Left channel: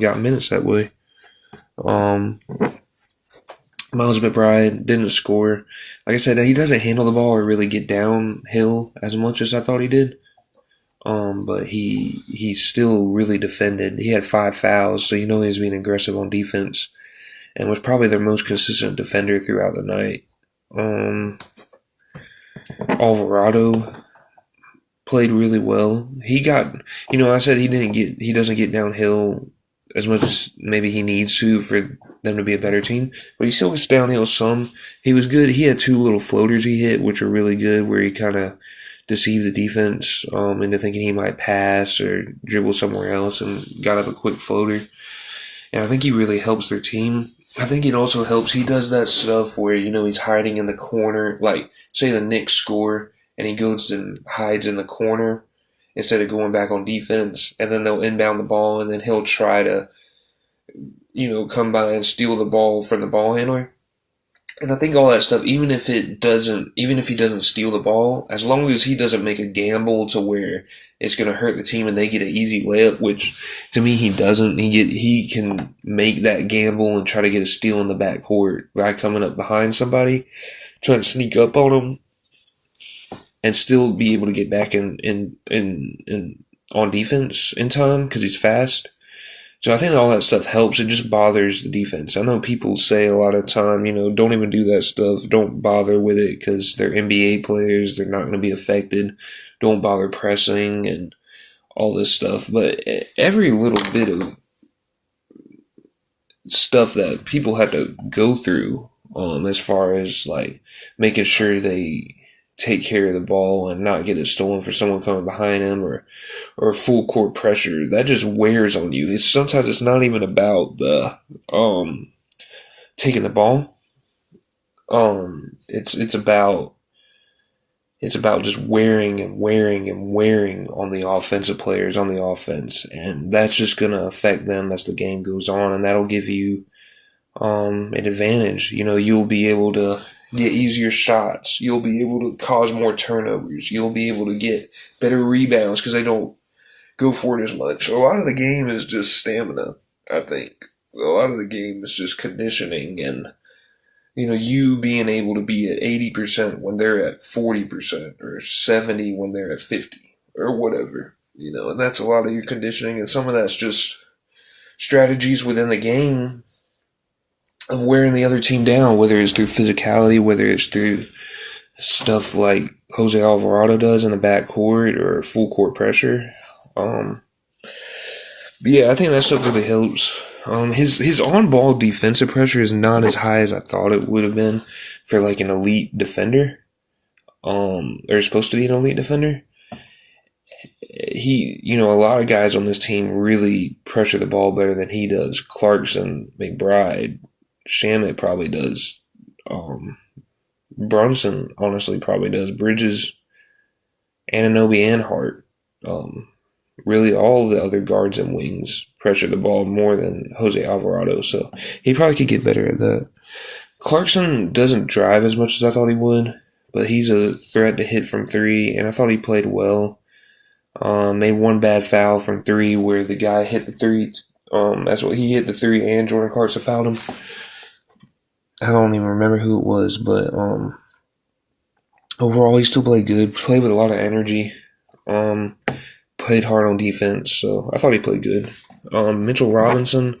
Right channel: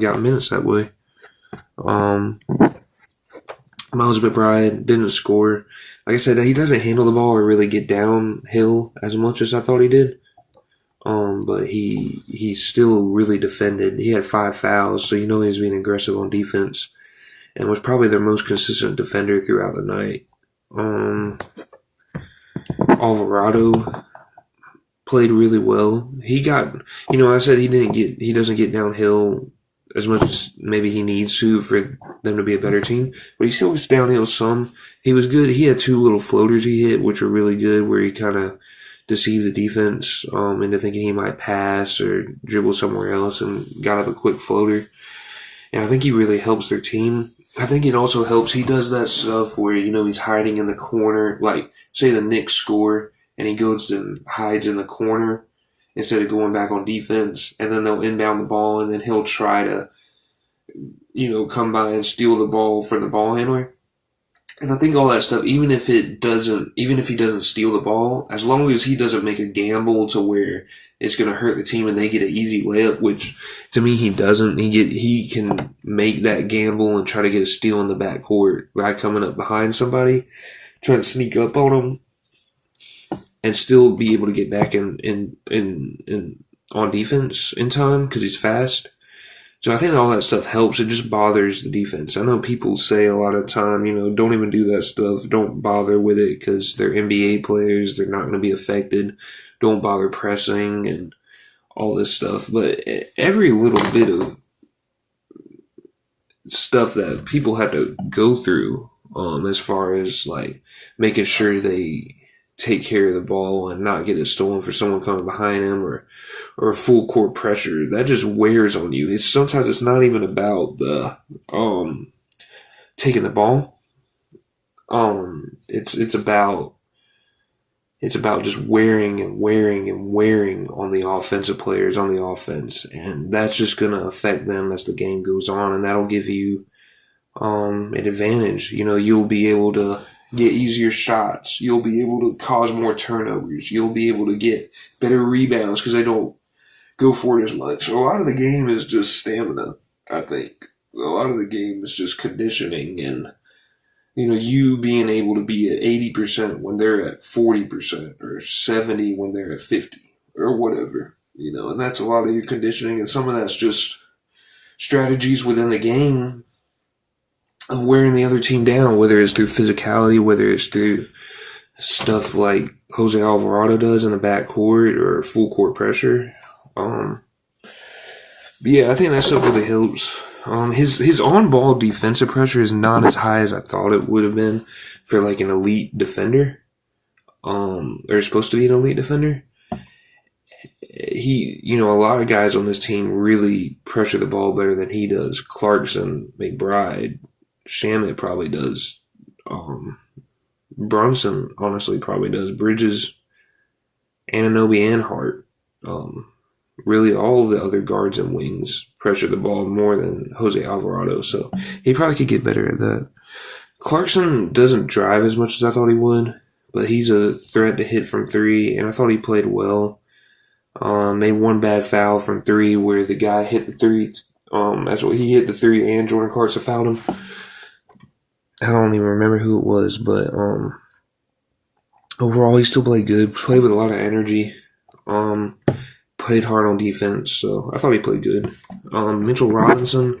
got minutes that way. Um, Miles McBride didn't score. Like I said, he doesn't handle the ball or really get downhill as much as I thought he did. But he still really defended. He had 5 fouls, so he was being aggressive on defense, and was probably their most consistent defender throughout the night. Alvarado played really well. He got, I said he doesn't get downhill as much as maybe he needs to for them to be a better team, but he still gets downhill some. He was good. He had 2 little floaters he hit, which were really good, where he kind of deceived the defense into thinking he might pass or dribble somewhere else and got up a quick floater. And I think he really helps their team. I think it also helps. He does that stuff where, he's hiding in the corner. Like, say the Knicks score and he goes and hides in the corner instead of going back on defense. And then they'll inbound the ball and then he'll try to, come by and steal the ball from the ball handler. And I think all that stuff, even if he doesn't steal the ball, as long as he doesn't make a gamble to where it's going to hurt the team and they get an easy layup, which to me he doesn't. He can make that gamble and try to get a steal in the backcourt by coming up behind somebody, trying to sneak up on them, and still be able to get back in on defense in time because he's fast. So I think all that stuff helps. It just bothers the defense. I know people say a lot of time, don't even do that stuff. Don't bother with it because they're NBA players. They're not going to be affected. Don't bother pressing and all this stuff. But every little bit of stuff that people have to go through, as far as like making sure they take care of the ball and not get it stolen for someone coming behind him or full court pressure, that just wears on you. Sometimes it's not even about the taking the ball. It's about just wearing and wearing and wearing on the offensive players on the offense, and that's just gonna affect them as the game goes on, and that'll give you an advantage. You'll be able to get easier shots. You'll be able to cause more turnovers. You'll be able to get better rebounds because they don't go for it as much. A lot of the game is just stamina, I think. A lot of the game is just conditioning and, you being able to be at 80% when they're at 40% or 70 when they're at 50 or whatever, and that's a lot of your conditioning, and some of that's just strategies within the game of wearing the other team down, whether it's through physicality, whether it's through stuff like Jose Alvarado does in the backcourt or full court pressure. Yeah, I think that stuff really helps. His on ball defensive pressure is not as high as I thought it would have been for like an elite defender. Or supposed to be an elite defender. A lot of guys on this team really pressure the ball better than he does. Clarkson, McBride, Shamet probably does. Brunson honestly probably does. Bridges, Anunoby, and Hart. Really all the other guards and wings pressure the ball more than Jose Alvarado, so he probably could get better at that. Clarkson doesn't drive as much as I thought he would, but he's a threat to hit from three, and I thought he played well. Made one bad foul from three where the guy hit the three. That's what he hit the three, and Jordan Clarkson fouled him. I don't even remember who it was, but overall he still played good. Played with a lot of energy. Played hard on defense, so I thought he played good. Mitchell Robinson,